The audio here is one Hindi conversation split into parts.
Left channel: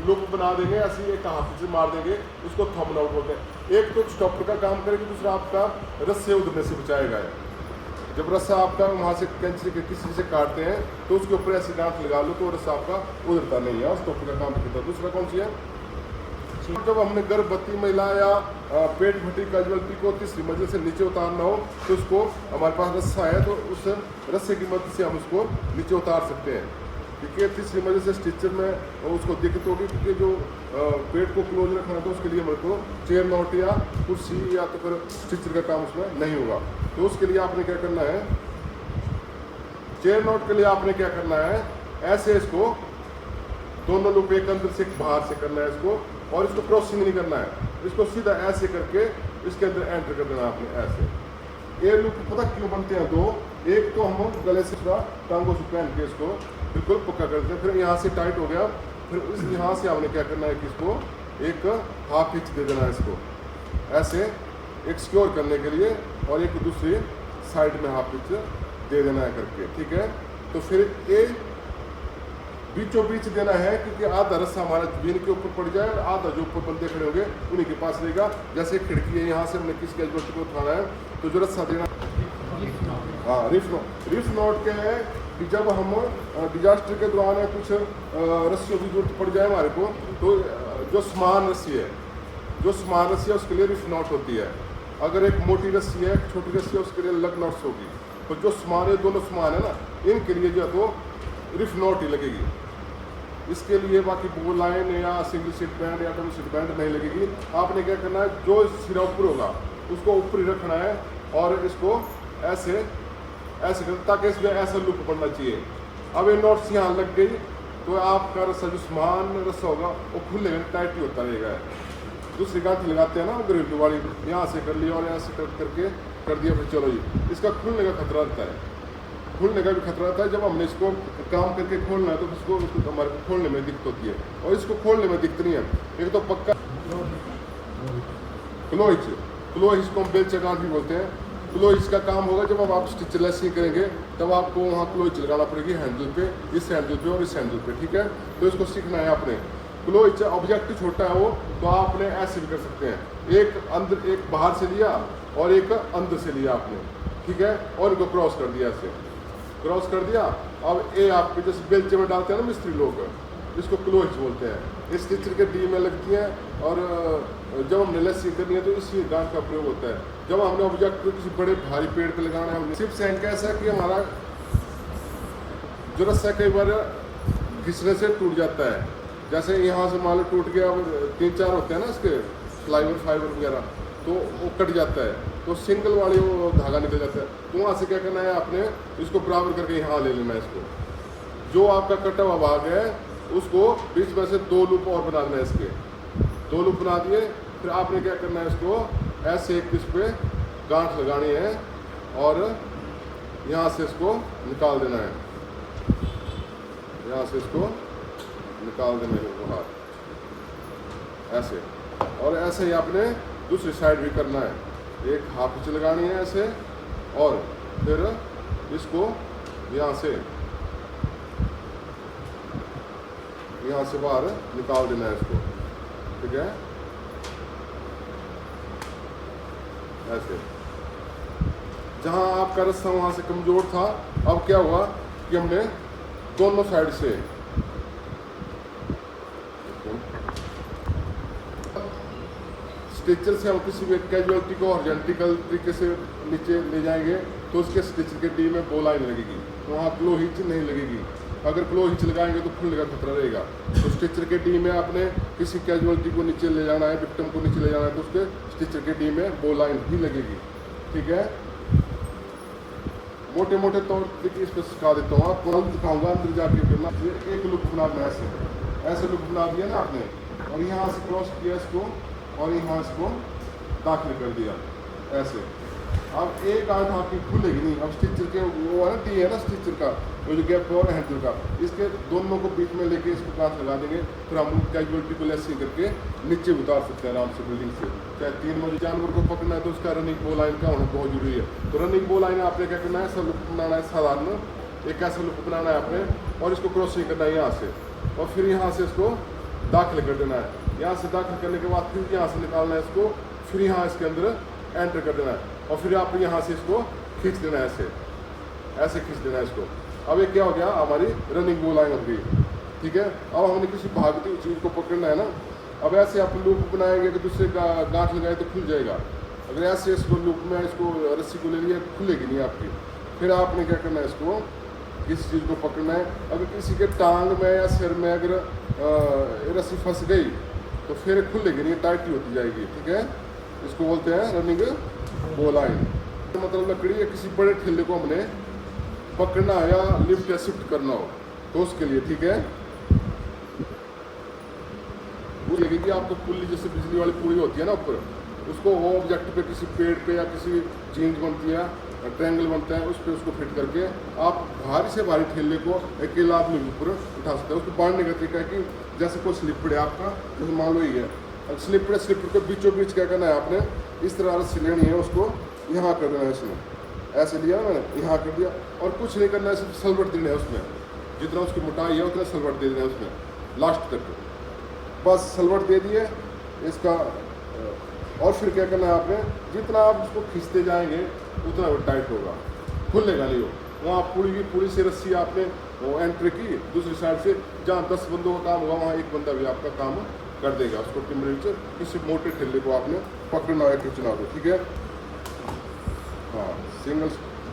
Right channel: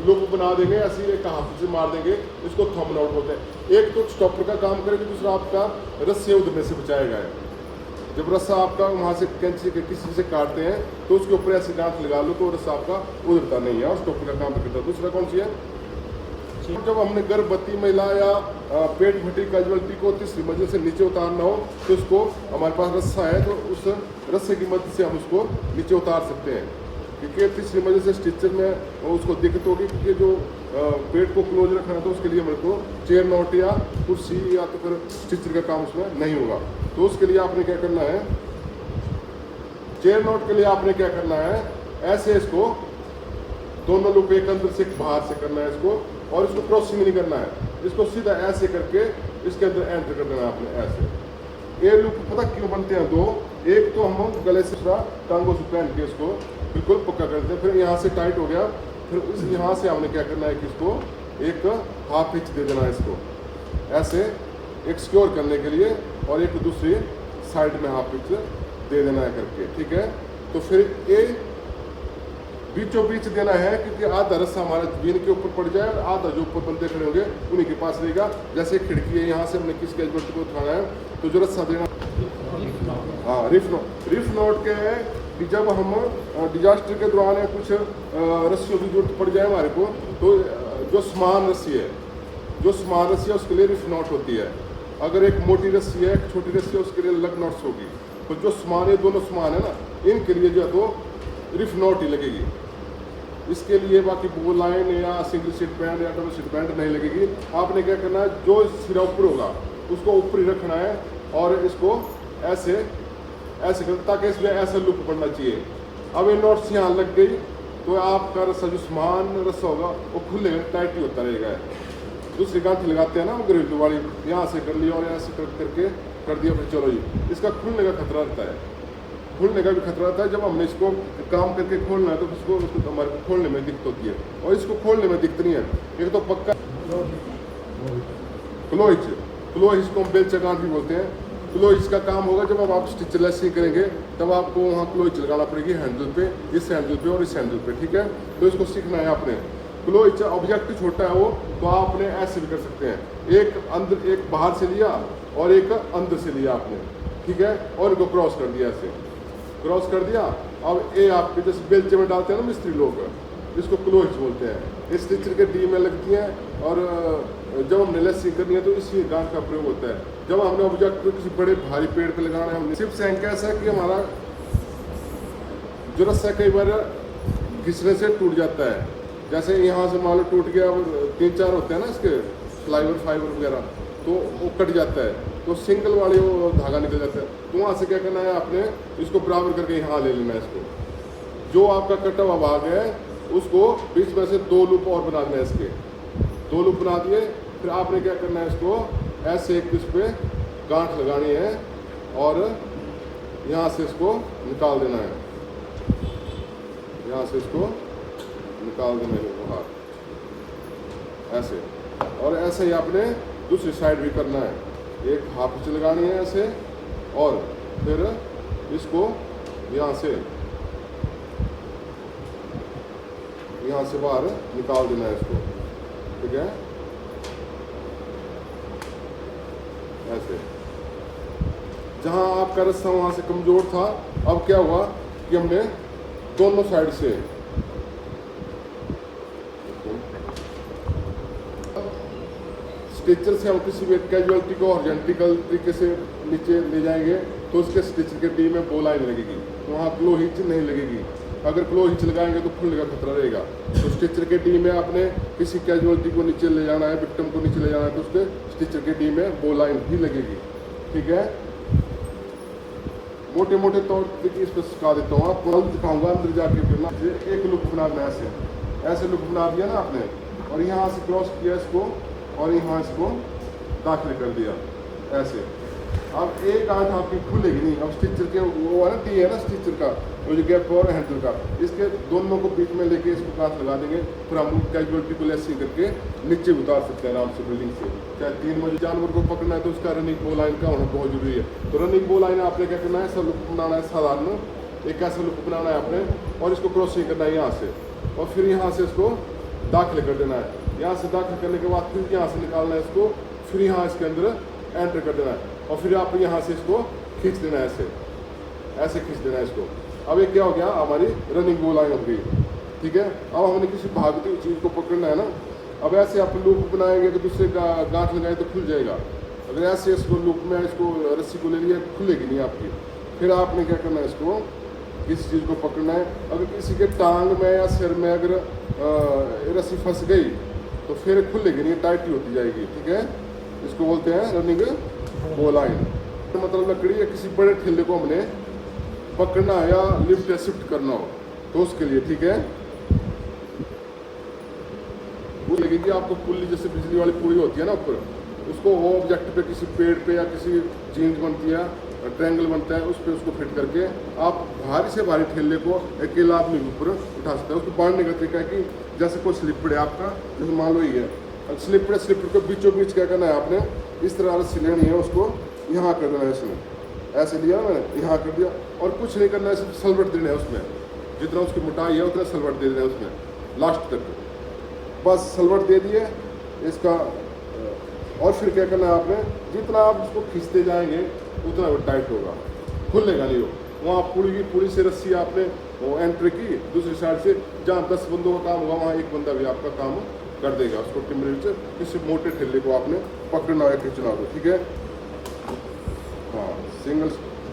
लुक बना देंगे, ऐसे एक हाथ से मार देंगे, इसको थंब आउट बोलते हैं। एक तो स्टॉपर का काम करेगा, दूसरा आपका रस्से उधरने से बचाएगा। जब रस्सा आपका वहाँ से कैंची के किसी से काटते हैं तो उसके ऊपर ऐसे गांठ लगा लो तो रस्सा आपका उधरता नहीं है, स्टॉपर का काम करता है। दूसरा कौन सी है, जब हमने गर्भवती महिला या पेट फटी कैजुअलिटी को तीसरी मंजिल से नीचे उतारना हो तो उसको हमारे पास रस्सा है, तो उस रस्से की मदद से हम उसको नीचे उतार सकते हैं। क्योंकि तीसरी मंजिल से स्टिचर में उसको दिक्कत होगी, क्योंकि जो पेट को क्लोज रखना है तो उसके लिए हमारे को चेयर नॉट या कुर्सी या तो फिर स्टिचर का काम उसमें नहीं होगा। तो उसके लिए आपने क्या करना है, चेयर नॉट के लिए आपने क्या करना है, ऐसे इसको दोनों लूप एक अंदर से बाहर से करना है इसको, और इसको क्रॉसिंग नहीं करना है, इसको सीधा ऐसे करके इसके अंदर एंटर करना है आपने ऐसे। ये लूप पता क्यों बनते हैं दो, एक तो हम गले से टांगों से पहन के इसको बिल्कुल पक्का करते हैं, फिर यहाँ से टाइट हो गया, फिर इस यहाँ से हमने क्या करना है कि इसको एक हाफ इंच दे देना है इसको ऐसे एक सिक्योर करने के लिए, और एक दूसरी साइड में हाफ इंच दे देना है करके, ठीक है। तो फिर ये बीचों बीच देना है, क्योंकि आधा रस्सा हमारा जमीन के ऊपर पड़ जाए और आधा जो ऊपर बंदे खड़े होंगे उन्हीं के पास रहेगा। जैसे खिड़की है, यहाँ से हमने किस कैजुअलिटी को उठाना है तो जो रस्सा देना, हाँ रिफ नोट क्या है कि जब हम डिजास्टर के दौरान कुछ रस्सियों की जरूरत पड़ जाए हमारे को, तो जो समान रस्सी है उसके लिए रिफ नोट होती है। अगर एक मोटी रस्सी है, एक छोटी रस्सी है, उसके लिए लग नोट्स होगी। तो जो समान है, दोनों समान है ना, इनके लिए जो है तो रिफ नोट ही लगेगी। इसके लिए बाकी बो लाइन या सिंगल सीट बैंड या डबल सीट बैंड नहीं लगेगी। आपने क्या करना है, जो सिरा ऊपर होगा उसको ऊपर ही रखना है और इसको ऐसे ऐसे करना, ताकि इसमें ऐसा लुक पड़ना चाहिए। अब ये नोट्स यहाँ लग गई तो आपका रस्सा जो समान रस्सा होगा वो खुले टाइट ही होता रहेगा। दूसरी गांठी लगाते हैं ना गरीब वाली, यहाँ से कर लिया और यहाँ से करके कर दिया, फिर चलो जी, इसका खुलने का खतरा रहता है, खुलने का भी खतरा रहता है। जब हमने इसको काम करके खोलना है तो उसको हमारे को खोलने में दिक्कत होती है, और इसको खोलने में दिक्कत नहीं है। एक तो पक्का क्लोइच को हम बेलचा गांठ भी बोलते हैं। क्लोइच का काम होगा जब हम आप स्टिच लेसिंग करेंगे तब आपको वहाँ क्लोइच लगाना पड़ेगी हैंडल पे, इस हैंडल पे और इस हैंडल पे, ठीक है। तो इसको सीखना है आपने। क्लोइच ऑब्जेक्ट छोटा है वो, तो आपने ऐसे भी कर सकते हैं, एक अंदर एक बाहर से लिया और एक अंदर से लिया आपने, ठीक है, और इनको क्रॉस कर दिया, ऐसे क्रॉस कर दिया। अब ये आपके जैसे बेलचे में डालते हैं ना मिस्त्री लोग, इसको क्लोइच बोलते हैं। इस स्टिचर के डी में लगती है, और जब हमने लेसिंग करनी है तो इसी गांठ का प्रयोग होता है। जब हमने ऑब्जेक्ट को किसी बड़े भारी पेड़ पर लगाना है, सिर्फ सैंक ऐसा है कि हमारा जो रस्सा कई बार घिसने से टूट जाता है। जैसे यहाँ से मान लो टूट गया, और 3-4 होते हैं ना इसके प्लाईवुड फाइबर वगैरह, तो वो कट जाता है, तो सिंगल वाले वो धागा निकल जाता है। तो वहाँ से क्या करना है, आपने इसको बराबर करके यहाँ ले लेना है। इसको जो आपका कटा हुआ भाग है उसको बीच में से 2 लूप और बना देना है। इसके 2 लूप बना दिए, फिर आपने क्या करना है, इसको ऐसे एक इस पे गांठ लगानी है और यहाँ से इसको निकाल देना है, यहाँ से इसको निकाल देना है बाहर ऐसे। और ऐसे ही आपने दूसरी साइड भी करना है, एक हाफ इंच लगानी है ऐसे, और फिर इसको यहाँ से बाहर निकाल देना है इसको, ठीक है, ऐसे। जहाँ आपका रस्सा वहाँ से कमजोर था, अब क्या हुआ कि हमने दोनों साइड से स्टिचर से हम किसी भी कैजुअलिटी को हॉरिजॉन्टल तरीके से नीचे ले जाएंगे तो उसके स्टिचर के डी में बो लाइन लगेगी, तो वहाँ क्लो हिच नहीं लगेगी। अगर क्लो हिच लगाएंगे तो खुलने का खतरा रहेगा। तो स्टिचर के डी में आपने किसी कैजुअलिटी को नीचे ले जाना है, विक्टिम को नीचे ले जाना है, तो उसके स्टिचर के डी में बो लाइन भी लगेगी, ठीक है। मोटे मोटे तौर तरीके इस पर सिखा देता हूँ, आपको दिखाऊंगा अंदर जाके करना। एक लुक बनाना है, ऐसे लुक बना दिया ना आपने, और यहाँ से क्रॉस किया इसको, और यहाँ इसको दाखिल कर दिया ऐसे। अब एक गांठ आपकी खुलेगी नहीं। अब स्टिचर के वो वाला टी है ना स्टिचर का, वो जो गैप और हैंडल का, इसके दोनों को बीच में लेके इसको गांठ लगा देंगे, फिर हम कैजुअलिटी को लेसिंग करके नीचे उतार सकते हैं आराम से बिल्डिंग से। चाहे 3 बजे जानवर को पकड़ना है तो उसका रनिंग बो लाइन का होना बहुत जरूरी है। तो रनिंग बो लाइन आपने क्या करना है, ऐसा लुक बनाना है साधारण, एक ऐसा लुक बनाना है आपने, और इसको क्रॉसिंग करना है यहाँ से, और फिर यहाँ से इसको दाखिल कर देना है। यहाँ से दाखिल करने के बाद फिर यहाँ से निकालना है इसको, फिर यहाँ इसके अंदर एंटर कर देना है और फिर आप यहाँ से इसको खींच देना है, ऐसे खींच देना है इसको। अब ये क्या हो गया, हमारी रनिंग गोल लाइन हो गई, ठीक है। अब हमने किसी भागती हुई चीज़ को पकड़ना है ना, अब ऐसे आप लूप बनाएंगे कि दूसरे का गांठ लगाए तो खुल जाएगा। अगर ऐसे इसको लूप में इसको रस्सी को ले लिया, खुलेगी नहीं आपकी। फिर आपने क्या करना है, इसको किसी चीज़ को पकड़ना है। अगर किसी के टांग में या सिर में अगर रस्सी फंस गई तो फिर खुलेगी नहीं, टाइट ही होती जाएगी, ठीक है। इसको बोलते हैं रनिंग गोल लाइन। मतलब लकड़ी या किसी बड़े ठेले को हमने पकड़ना है या लिफ्ट या शिफ्ट करना हो तो उसके लिए, ठीक है। वो लगेगी आपको पुल्ली, जैसे बिजली वाली पुल्ली होती है ना ऊपर, उसको वो ऑब्जेक्ट पे, किसी पेड़ पे या किसी जीन्स बनती है, ट्रायंगल बनता है, उस पर उसको फिट करके आप भारी से भारी ठेले को अकेला आदमी ऊपर उठा सकते हैं। उसको बांधने का तरीका है कि जैसे कोई स्लिपर है आपका, जैसे मान लो ये है स्लिपर के बीचों बीच क्या करना है, आपने इस तरह रस्सी लेनी है, उसको यहाँ कर देना है, इसमें ऐसे लिया ना, यहाँ कर दिया और कुछ नहीं करना है, सिर्फ सलवट देना है उसमें, जितना उसकी मोटाई है उतना सलवट दे देना है उसमें लास्ट तक, बस सलवट दे दिए इसका। और फिर क्या करना है आपने, जितना आप उसको खींचते जाएंगे उतना वो टाइट होगा, खुलेगा नहीं हो। वहाँ पूरी से रस्सी आपने एंट्री की, दूसरी साइड से जहाँ 10 बंदों का काम हुआ वहाँ एक बंदा भी आपका काम कर देगा। उसको टिम्बरी से किसी मोटे ठेले को आपने पकड़ना है, खींचना हो, ठीक है। हाँ,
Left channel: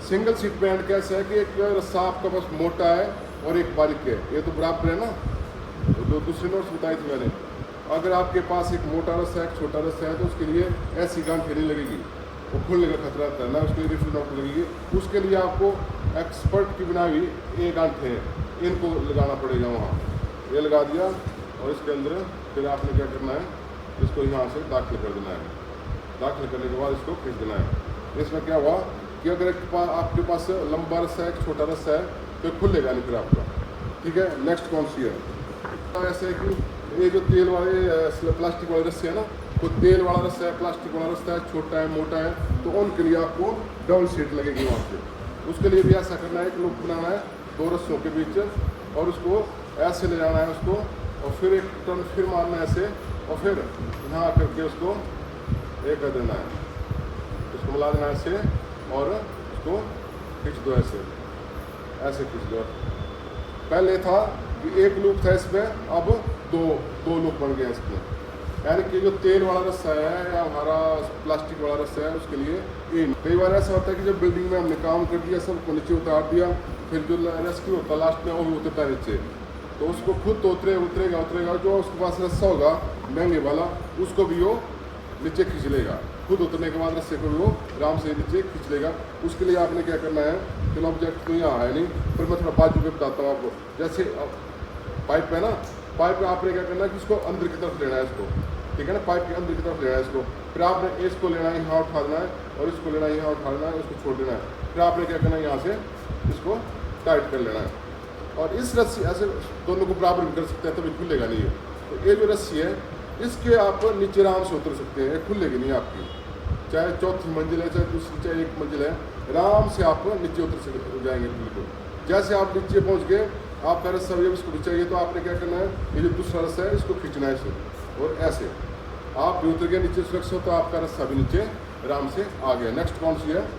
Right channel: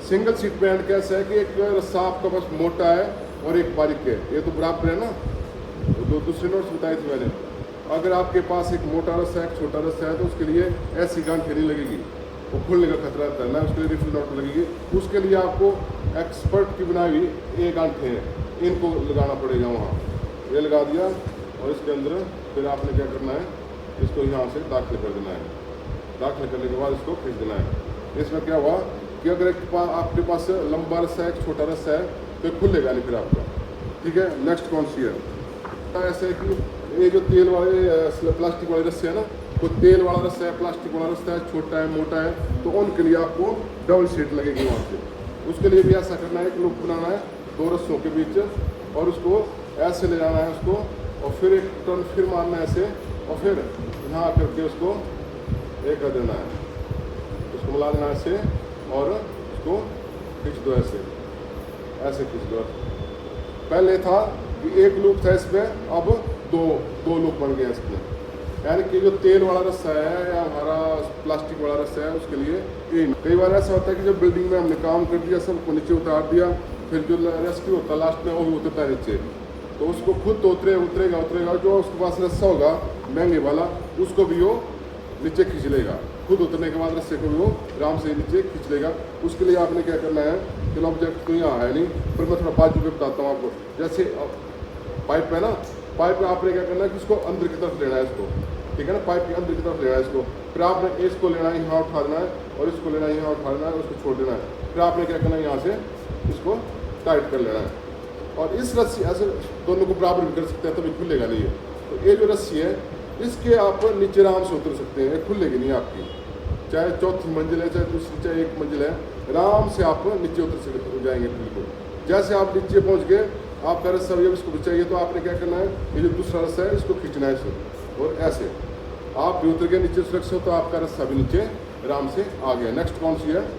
सिंगल सीट बैंड कैसा है कि एक रस्सा आपका बस मोटा है और एक बारीक है, ये तो बराबर है ना, जो दूसरे नोट्स बताए थे मैंने। अगर आपके पास एक मोटा रस्सा है, एक छोटा रस्सा है, तो उसके लिए ऐसी गांठ नहीं लगेगी, वो खुलने का खतरा रहता है ना, उसके लिए रिफिल नोट लगेगी। उसके लिए आपको एक्सपर्ट की बनाई हुई ये गांठें हैं, इनको लगाना पड़ेगा वहाँ। ये लगा दिया और इसके अंदर फिर आपने क्या करना है, इसको यहाँ से दाखिल कर देना है। दाखिल करने के बाद इसको खींच देना है। इसमें क्या हुआ कि अगर आपके पास लंबा रस्सा है, एक छोटा रस्सा है, तो खुलेगा नहीं फिर आपका, ठीक है। नेक्स्ट कौन सी है, ऐसा है कि ये जो तेल वाले प्लास्टिक वाले रस्से है ना, तो तेल वाला रस्सा है, प्लास्टिक वाला रस्सा है, छोटा है, मोटा है, तो उनके लिए आपको डबल सीट लगेगी वहाँ से। उसके लिए भी ऐसा करना है कि लूप बनाना है 2 रस्सों के बीच और उसको ऐसे ले जाना है उसको, और फिर एक टर्न फिर मारना है ऐसे, और फिर यहाँ करके उसको ये कर देना है, उसको मिला देना है ऐसे और उसको खींच दो, ऐसे खींच दो। पहले था कि एक लूप था इसमें, अब दो लूप बन गया इसमें। यानी कि जो तेल वाला रस्सा है या हमारा प्लास्टिक वाला रस्सा है, उसके लिए कई बार ऐसा होता है कि जब बिल्डिंग में हमने काम कर दिया, सबको नीचे उतार दिया, फिर जो रेस्क्यू होता है लास्ट में वो भी उतरता है नीचे, तो उसको खुद तो उतरेगा, जो उसके पास रस्सा होगा महंगे वाला, उसको भी वो नीचे खींच लेगा। खुद उतरने के बाद रस्से को भी वो आराम से नीचे खींच लेगा। उसके लिए आपने क्या करना है, चलो ऑब्जेक्ट तो यहाँ है नहीं, फिर मैं थोड़ा बाजू पे बताता हूँ आपको। जैसे पाइप है ना, पाइप में आपने क्या करना है कि इसको अंदर की तरफ लेना है इसको, ठीक है ना, पाइप के अंदर की तरफ लेना है इसको। फिर आपने इसको लेना है, यहाँ उठा देना है, और इसको लेना है, यहाँ उठा देना है, उसको छोड़ देना है। फिर आपने क्या करना है, यहाँ से इसको टाइट कर लेना है। और इस रस्सी ऐसे दोनों को बराबर भी कर सकते हैं, तभी खुलेगा नहीं है। तो ये जो रस्सी है, इसके आप नीचे आराम से उतर सकते हैं, खुलेगी नहीं आपकी, चाहे 4थी मंजिल है, चाहे दूसरी, चाहे 1 मंजिल है, आराम से आप नीचे उतर जाएंगे बिल्कुल। जैसे आप नीचे पहुँच गए, आपका रस्सा भी इसको चाहिए, तो आपने क्या करना है, ये जो दूसरा रस्सा है इसको खींचना है इसे, और ऐसे आप भी उतर गए नीचे सुरक्षित, तो आपका रस्सा भी नीचे आराम से आ गया। नेक्स्ट कौन सी है,